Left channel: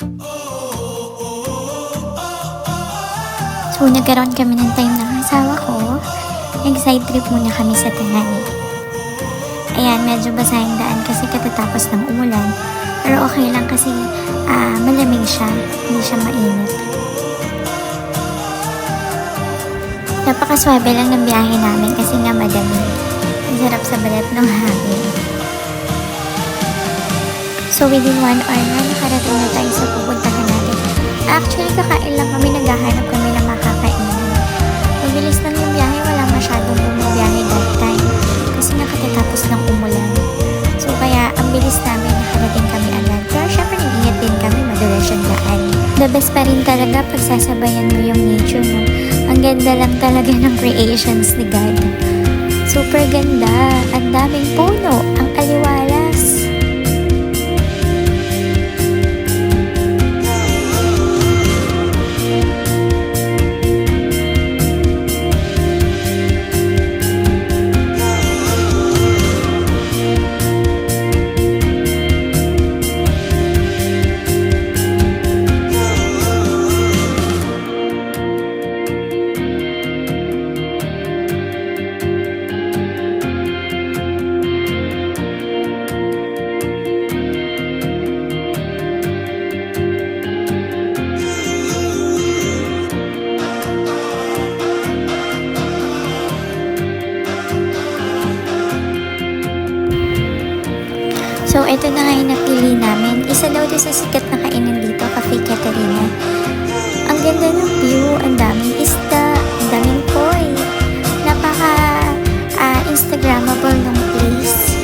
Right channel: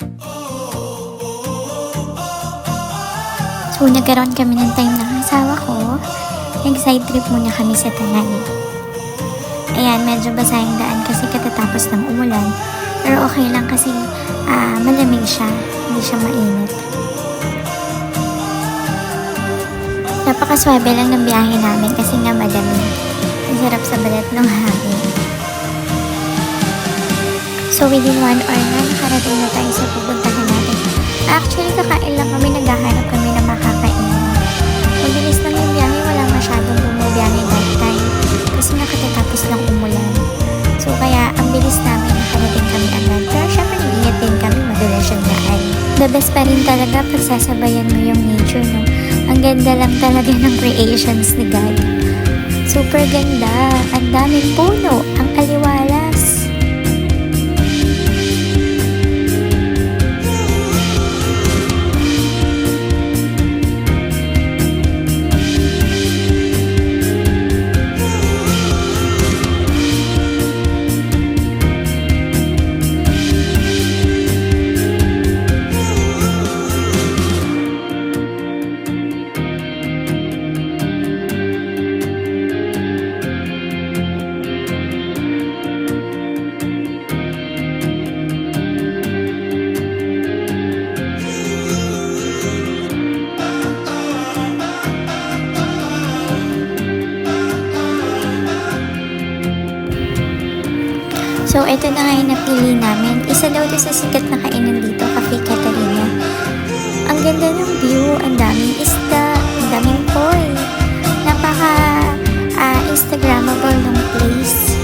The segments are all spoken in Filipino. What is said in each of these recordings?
So, nagkaroon kami ng time ng asawa ko. Nag-side trip muna kami sa Tanay. Ayan, medyo basa yung daan kasi katatapos ng umulan. Pero okay lang kasi malamig siya. Hindi siya mainit. Napakaswabe lang ng biyahe namin kasi nga madamig. Ang sarap sa balat ng hangin. So, within 1 hour na, nakarating na tayo sa pupuntahan natin. Actually, kakain lang kami, naghahanap kami na makakainan. Mabilis lang yung biyahe, wala masyadong bumabiyahe that time. Kasi nakatatapos lang umulan. So, kaya ang bilis namin, nakarating kami agad. Pero syempre, nag-ingat din kami, madulas yung daan. The best pa rin talaga pag sasabayan mo yung nature, no? Ang ganda lang talaga ng creations ni God. Super ganda. Ang daming puno. Ang aliwalas. So, ito na nga yung napili namin. Isa daw ito sa sikat na kainan dito, Cafe Catarina. Ang ganda ng view, ang daming isda, ang daming koi. Instagrammable ng place.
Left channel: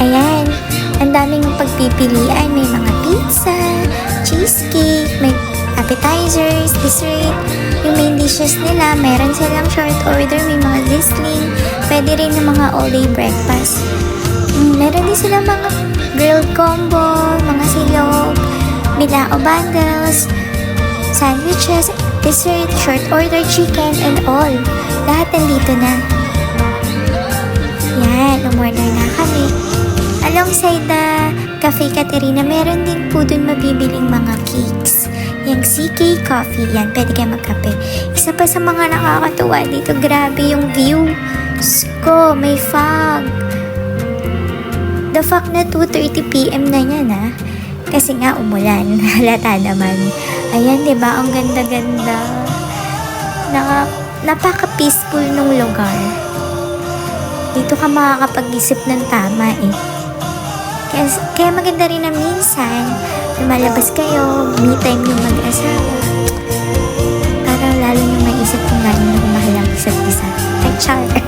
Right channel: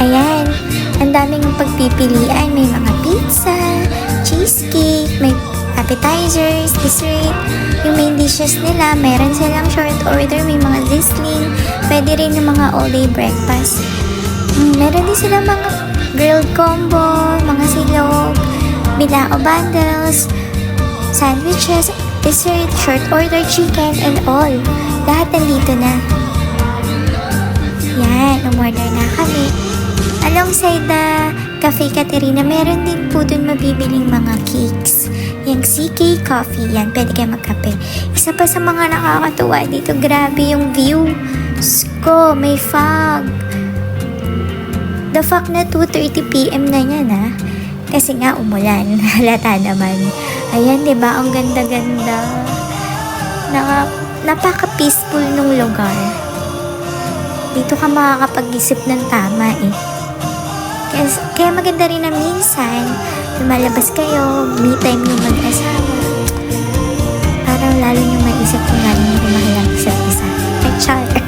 Ayan, ang daming pagpipilian. May mga pizza, cheesecake, may appetizers, dessert, yung main dishes nila, meron silang short order, may mga sizzling, pwede rin yung mga all-day breakfast. Meron din silang mga grilled combo, mga silog, bilao bundles, sandwiches, dessert, short order chicken, and all. Lahat nandito na. Yan, umorder na kami. Alongside the Cafe Catarina, meron din po dun mabibiling mga cakes. Yung CK Coffee, yan, pwede kayo magkape. Isa pa sa mga nakakatuwa dito, grabe yung view. Sko, may fog. The fact na 2:30 PM na yan, ha? Kasi nga umulan, halata naman. Ayan, diba? Ang ganda-ganda. Napaka-peaceful nung lugar. Dito ka makakapag-isip ng tama, eh. Kaya maganda rin na minsan, lumalabas kayo, me time yung mag-asawa. Para lalo nyo maisip kung gaano nyo kumahal ang isa't isa. Ay, char!